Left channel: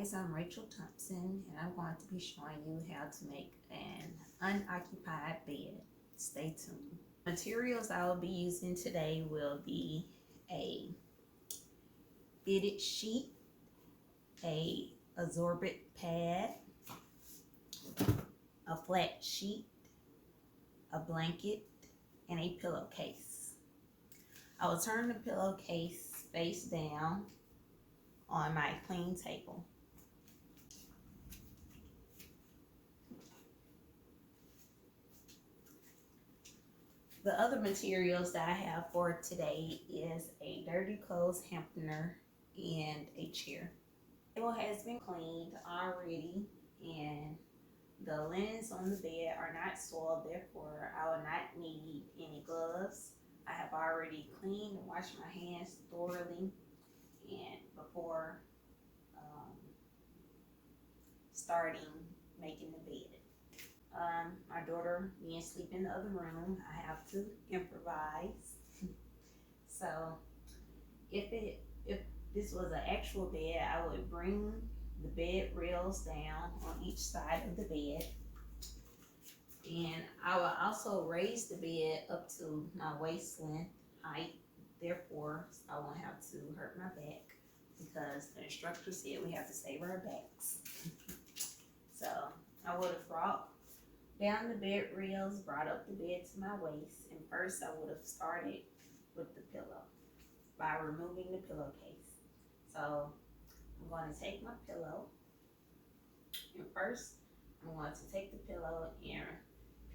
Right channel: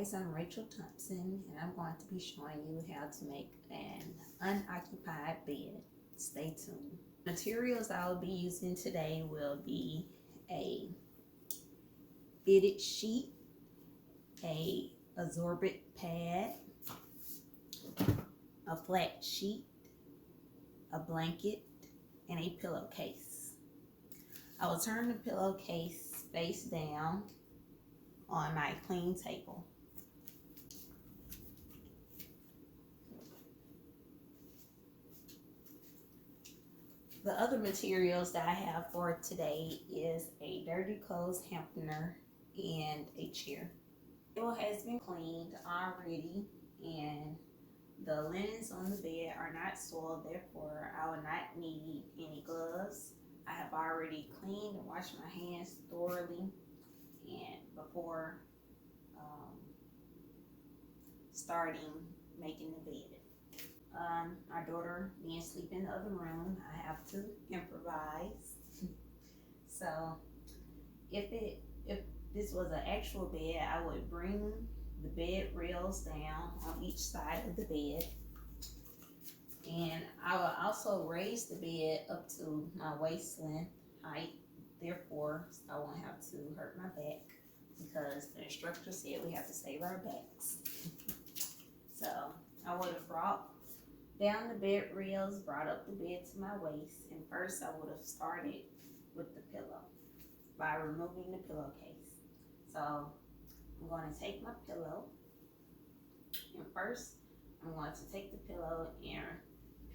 guys, I'm Rachel Thompson and I'm going to be showing you how to make an unoccupied bed. Stay tuned. Materials I will be using today will be a fitted sheet, a absorbent pad, a flat sheet, a blanket, and a pillowcase. I will turn the pillowcase face down on my clean table. The other materials that I have for today is a dirty clothes hamper and a chair. The table has been cleaned already and the linens on the bed are not soiled, therefore I will not need any gloves. I have already cleaned and washed my hands thoroughly and before starting making the bed. My daughter being asleep in the other room, I have to improvise. So if this was an actual bed, I would bring the bed rails down on each side of the bed, and I will also raise the bed up to my waist length height, therefore I won't have to hurt my back because the instructor said we have to save our backs. So I would have brought down the bed rails, brought up the bed to my waist, and first I would have started with the pillow by removing the pillowcase. So I'm going to take my pillow, and first I'm going to take the pillow and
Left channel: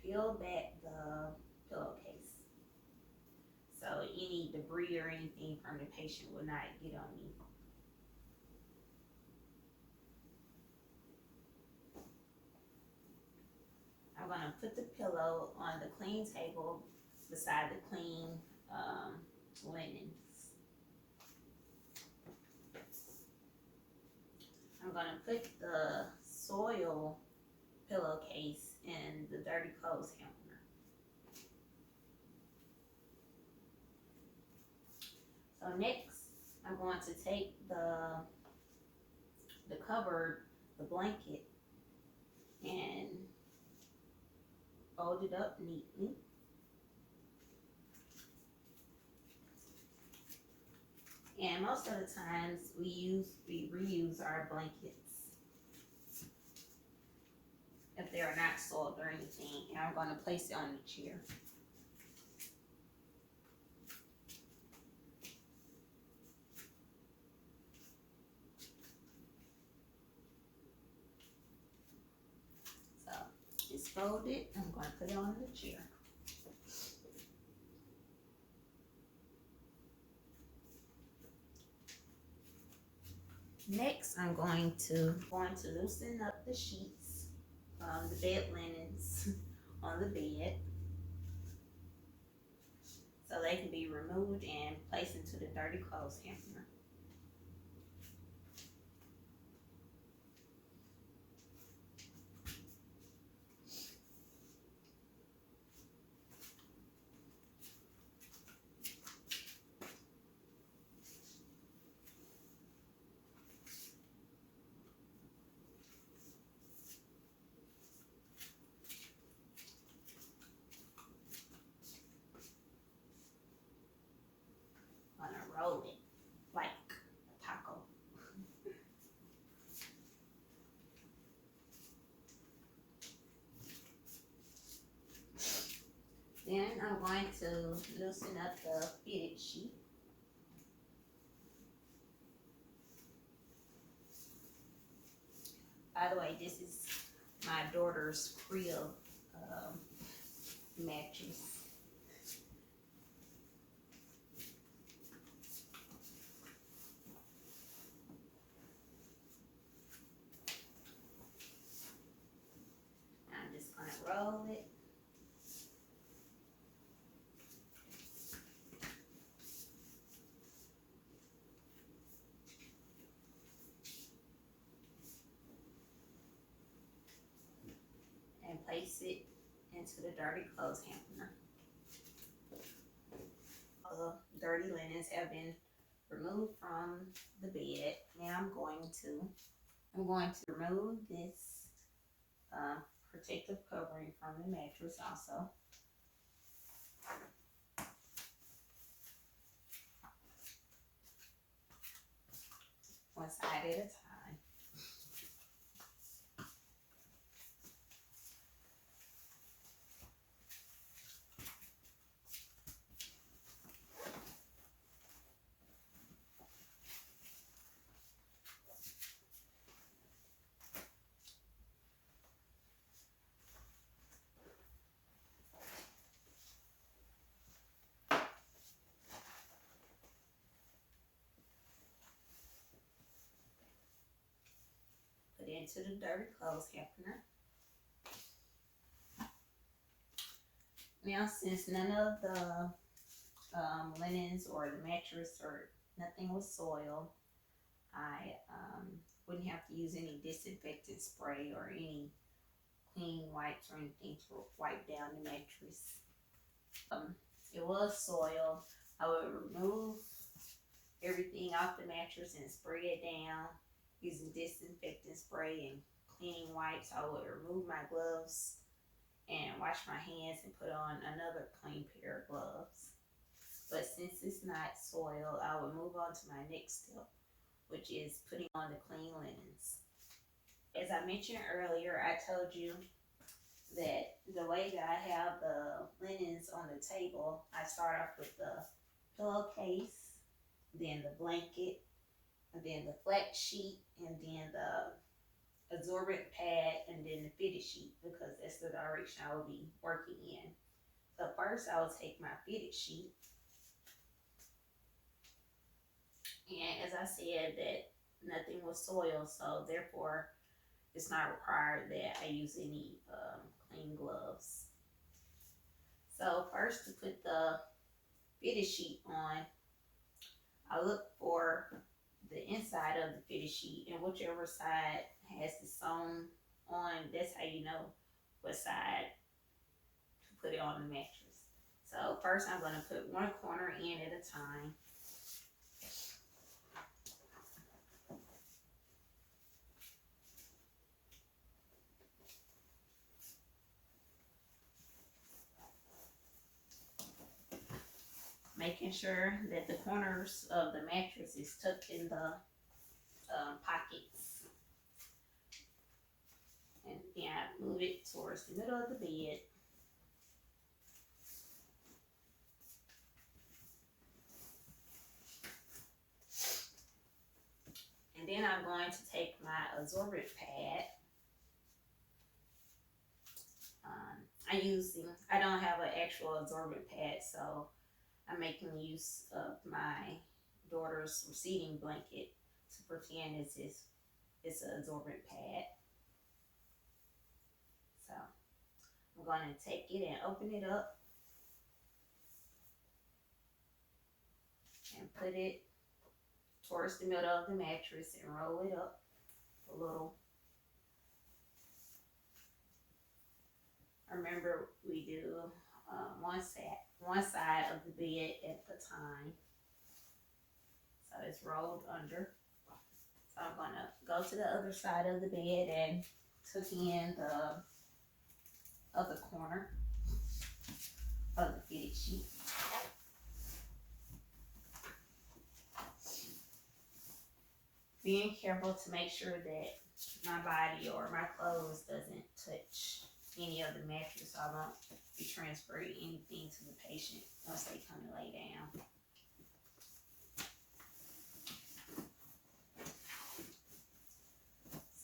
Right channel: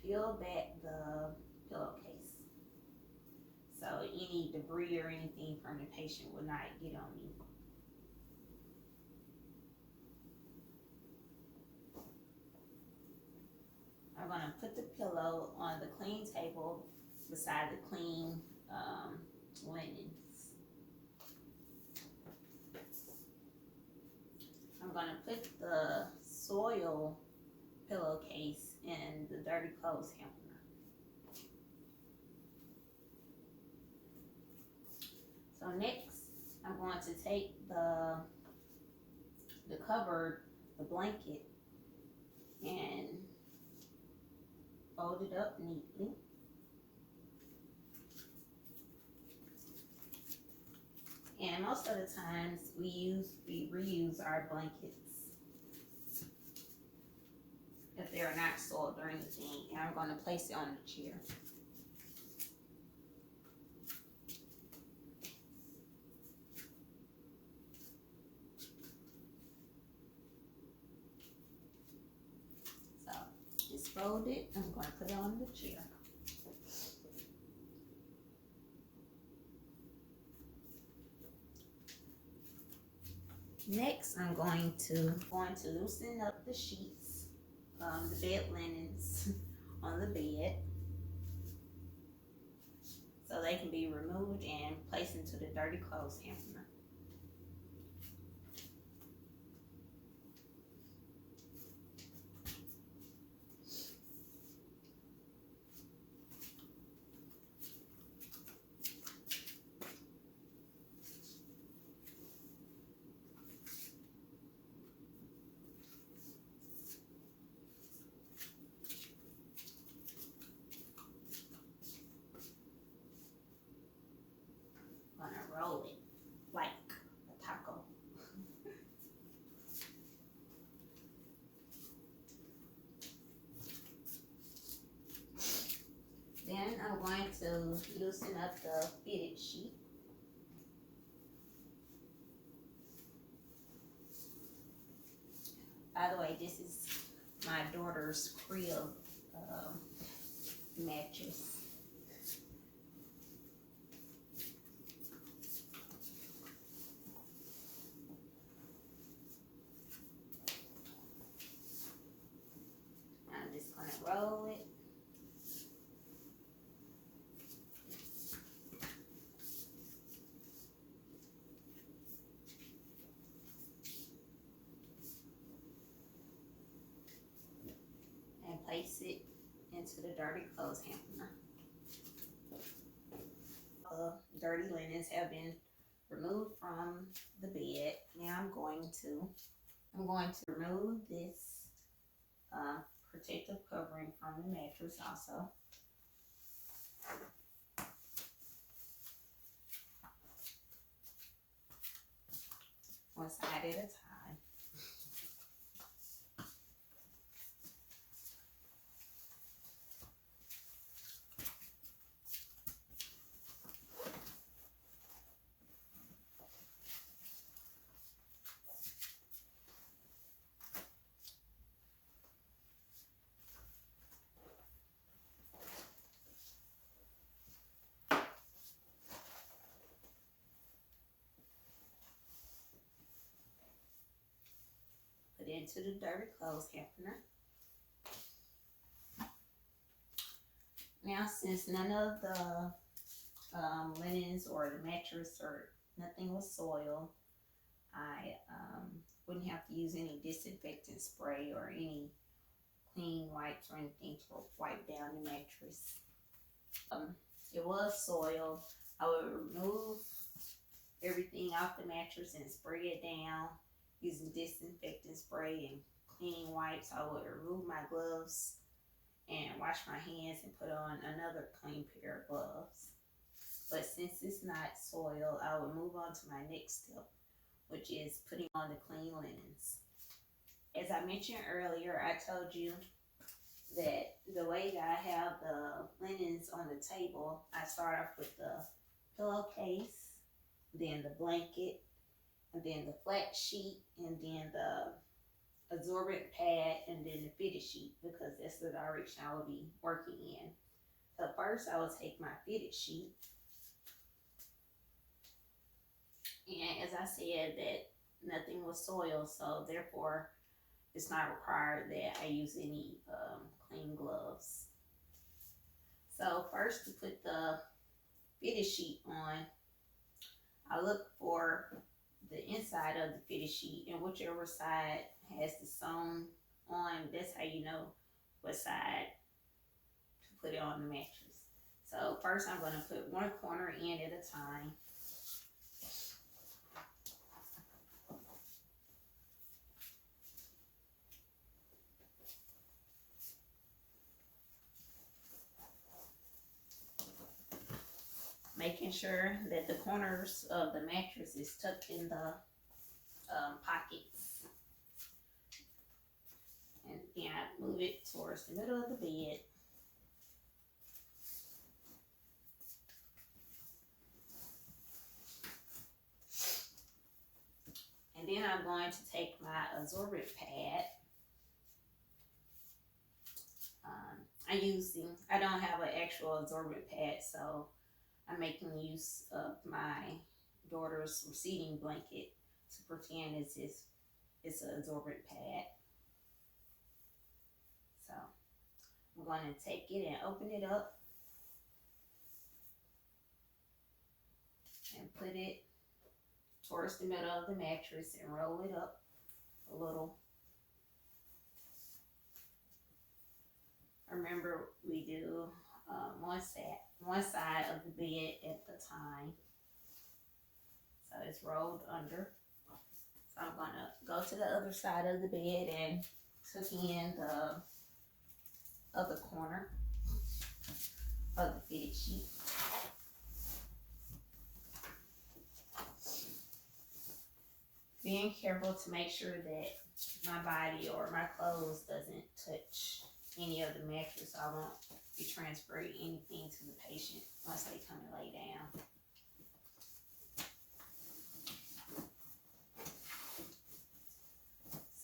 peel back the pillowcase so any debris or anything from the patient will not get on me. I'm going to put the pillow on the clean table beside the clean linens. I'm going to put the soil pillowcase in the dirty clothes hamper. So next, I'm going to take the cover, the blanket, and fold it up neatly. And most of the times we reuse our blankets if they are not soiled or anything. And I'm going to place it on the chair. So just fold it. I'm going to put it on the chair. Next, I'm going to loosen up the sheets, the bed linens on the bed, so they can be removed and placed into the dirty clothes hamper. Roll it like a taco. Then I'm going to loosen up the fitted sheet. By the way, this is my daughter's crib mattress. Roll it. And place it into the dirty clothes hamper. The dirty linens have been removed from the bed. Now I'm going to I'm going to remove this protective covering from the mattress also. One side at a time. Put it into the dirty clothes hamper. Now, since none of the linens or the mattress or nothing was soiled, I wouldn't have to use any disinfectant spray or any clean wipes or anything to wipe down the mattress. It was soiled. I would remove everything off the mattress and spray it down using disinfectant spray and cleaning wipes. I would remove my gloves and wash my hands and put on another clean pair of gloves. But since it's not soiled, I would move on to my next step, which is putting on the clean linens. As I mentioned earlier, I told you that the way that I have the linens on the table, I start off with the pillowcase, then the blanket, and then the flat sheet, and then the absorbent pad, and then the fitted sheet, because that's the direction I will be working in. So first I will take my fitted sheet, and as I said that nothing was soiled, so therefore it's not required that I use any clean gloves. So first, to put the fitted sheet on, I look for the inside of the fitted sheet, and whichever side has the sewn on, that's how you know what side to put it on the mattress. So first I'm going to put one corner in at a time. Making sure that the corners of the mattress is tucked in the pockets. And then I move it towards the middle of the bed. And then I'm going to take my absorbent pad. I don't have an actual absorbent pad, so I'm making use of my daughter's receiving blanket to pretend it's an absorbent pad. So I'm going to take it and open it up and put it towards the middle of the mattress and roll it up a little. Remember, we do one side of the bed at a time. So it's rolled under. So I'm going to go to the other side of the bed and tuck in the other corner of the fitted sheet. Being careful to make sure that my body or my clothes doesn't touch any of the mattress, so I won't be transferring anything to the patient once they come and lay down.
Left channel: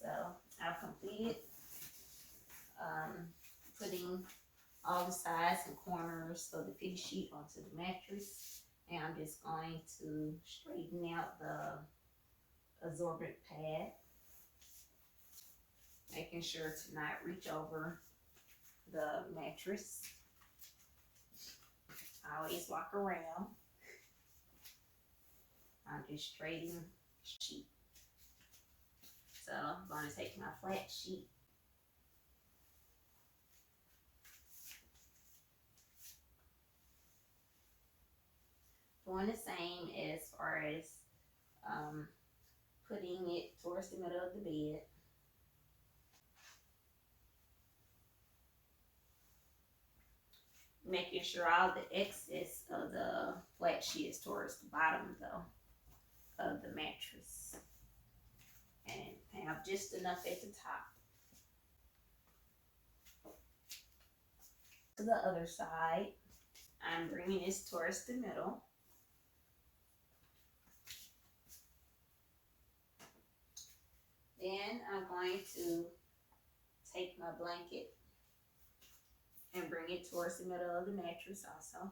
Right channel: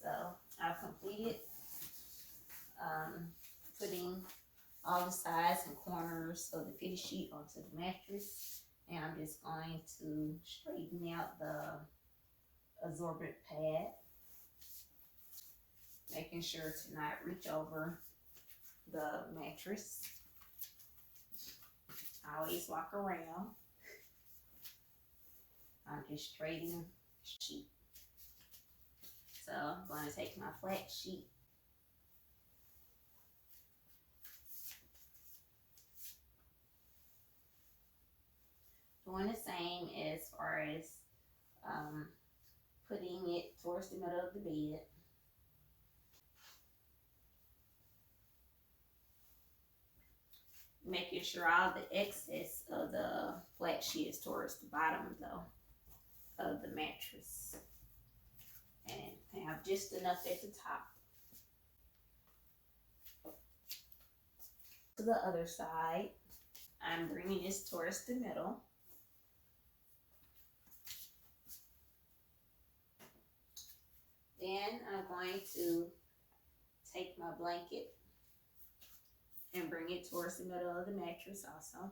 So I've completed putting all the sides and corners of the fitted sheet onto the mattress, and I'm just going to straighten out the absorbent pad, making sure to not reach over the mattress. I always walk around. I'm just straightening the sheet. So I'm going to take my flat sheet doing the same as far as putting it towards the middle of the bed. Making sure all the excess of the flat sheet is towards the bottom though of the mattress. And have just enough at the top. To the other side, I'm bringing this towards the middle. Then I'm going to take my blanket and bring it towards the middle of the mattress also.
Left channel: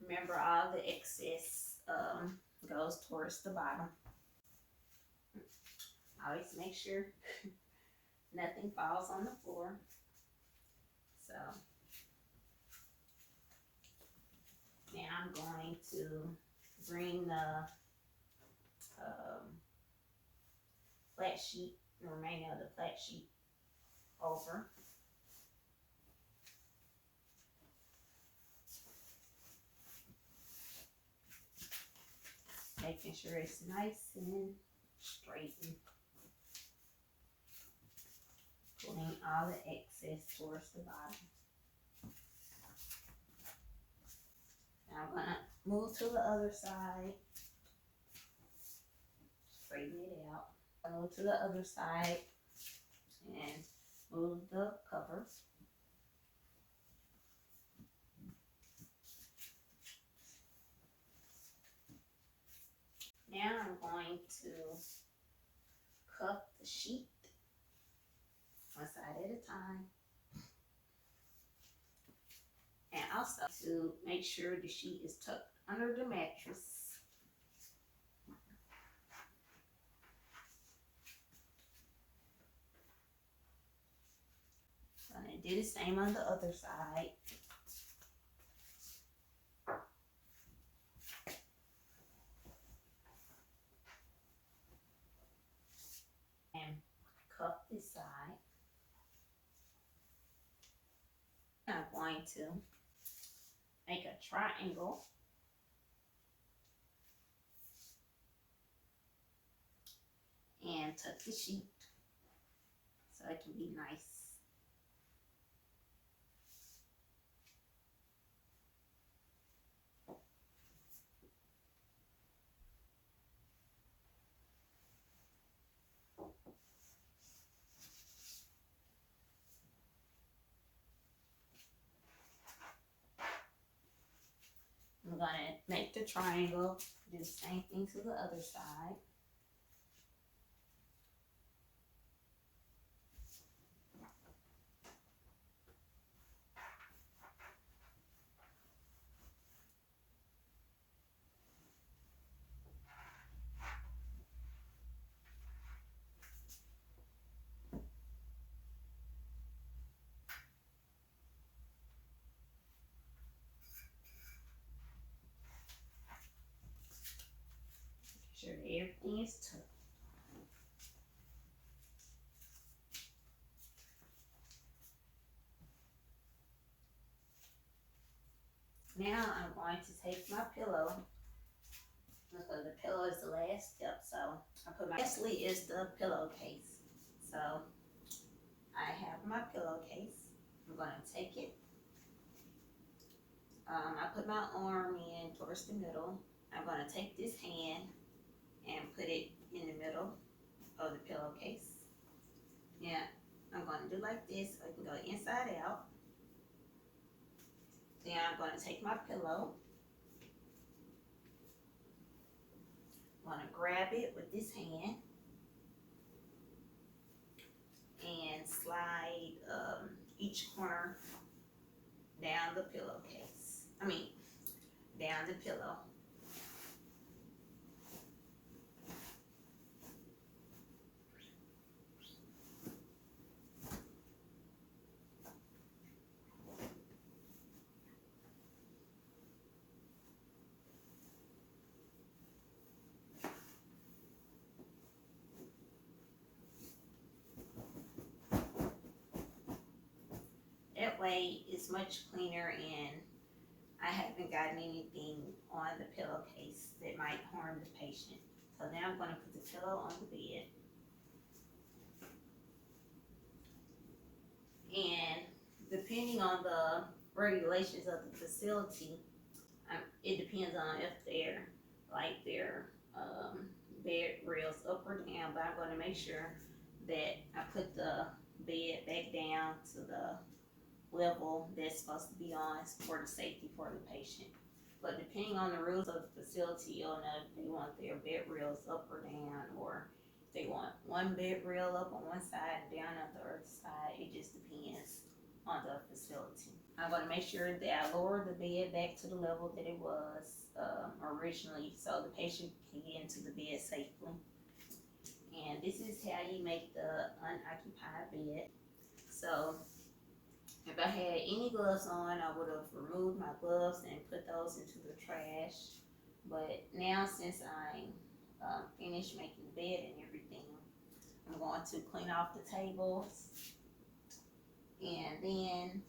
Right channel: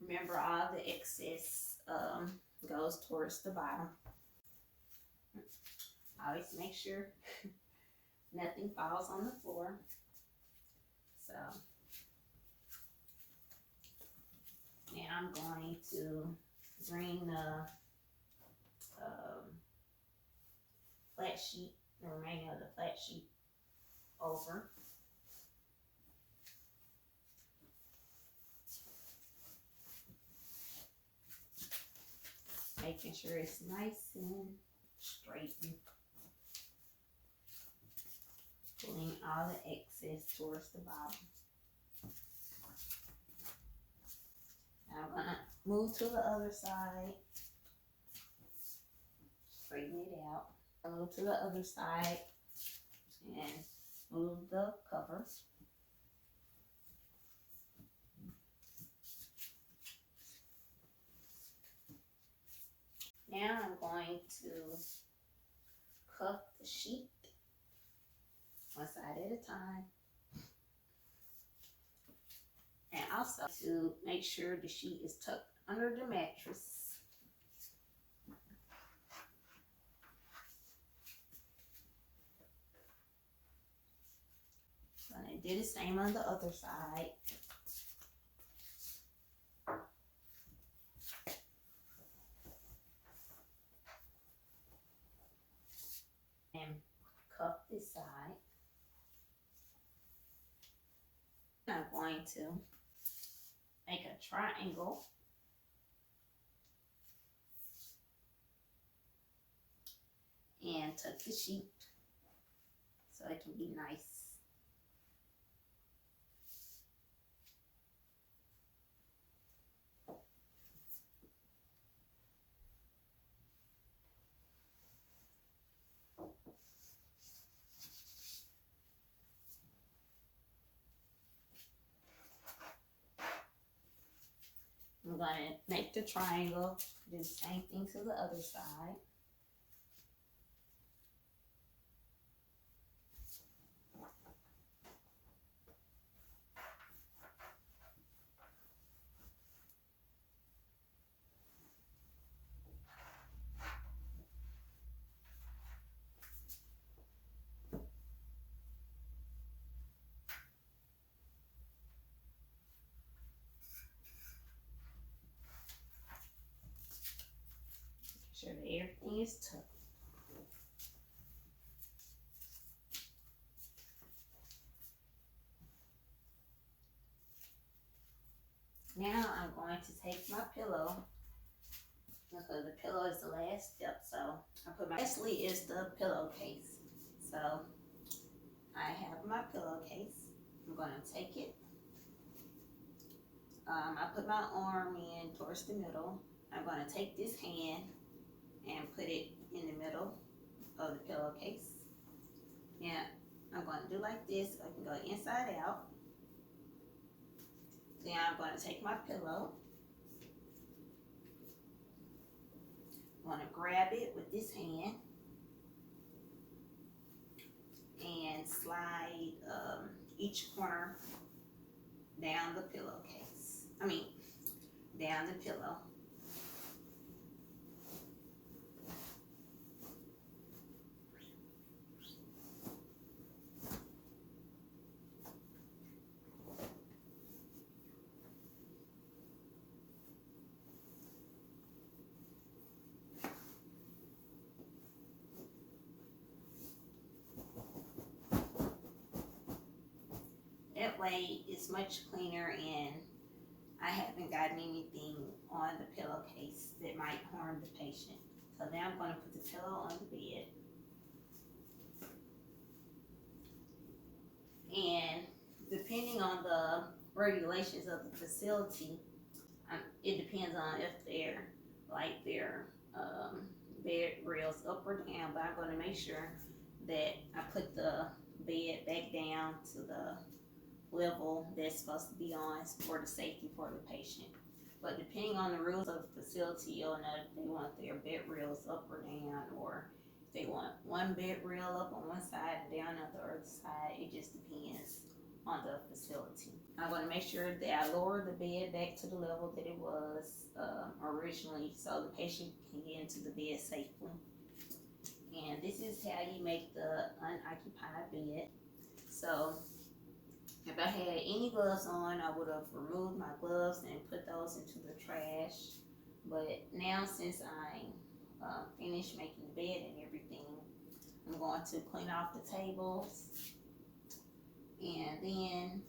Remember, all the excess goes towards the bottom. Always make sure nothing falls on the floor. So now I'm going to bring the flat sheet, the remaining of the flat sheet over. Making sure it's nice and straight. Pulling all the excess towards the bottom. Now I'm gonna move to the other side. Straighten it out. I move to the other side and move the cover. Now I'm going to cuff the sheet one side at a time. And also to make sure the sheet is tucked under the mattress. And I did the same on the other side. And cuff this side. I'm going to make a triangle and tuck the sheet so it can be nice. I'm going to make the triangle, do the same thing to the other side. Make sure that everything is tucked. Now I'm going to take my pillow, because the pillow is the last step. So I put my, lastly is the pillowcase. So I have my pillowcase. I'm going to take it. I put my arm in towards the middle. I'm going to take this hand and put it in the middle of the pillowcase. Yeah, I'm going to do like this so it can go inside out. Then I'm going to take my pillow. I'm going to grab it with this hand and slide each corner down the pillowcase. Down the pillow. way it's much cleaner, and I haven't gotten anything on the pillowcase that might harm the patient. So now I'm going to put the pillow on the bed. And depending on the regulations of the facility, it depends on if they're like their bed rails up or down, but I'm going to make sure that I put the bed back down to the level that's supposed to be on for the safety for the patient. But depending on the rules of the facility, you'll know if they want their bed rails up or down, or if they want one bed rail up on one side and down on the other side. It just depends on the facility. I want to make sure that I lower the bed back to the level that it was originally, so the patient can get into the bed safely. And this is how you make the unoccupied bed. So if I had any gloves on, I would have removed my gloves and put those into the trash. But now, since I finished making the bed and everything, I'm going to clean off the tables and then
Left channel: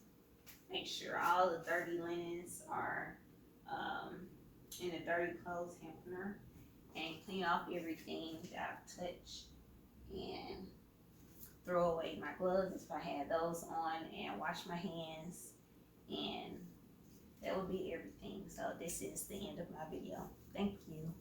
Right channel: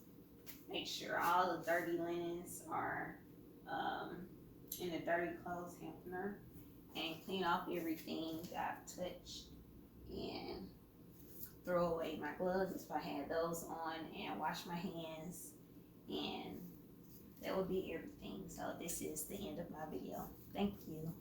make sure all the dirty linens are in a dirty clothes hamper, and clean off everything that I've touched and throw away my gloves if I had those on, and wash my hands, and that would be everything. So this is the end of my video. Thank you.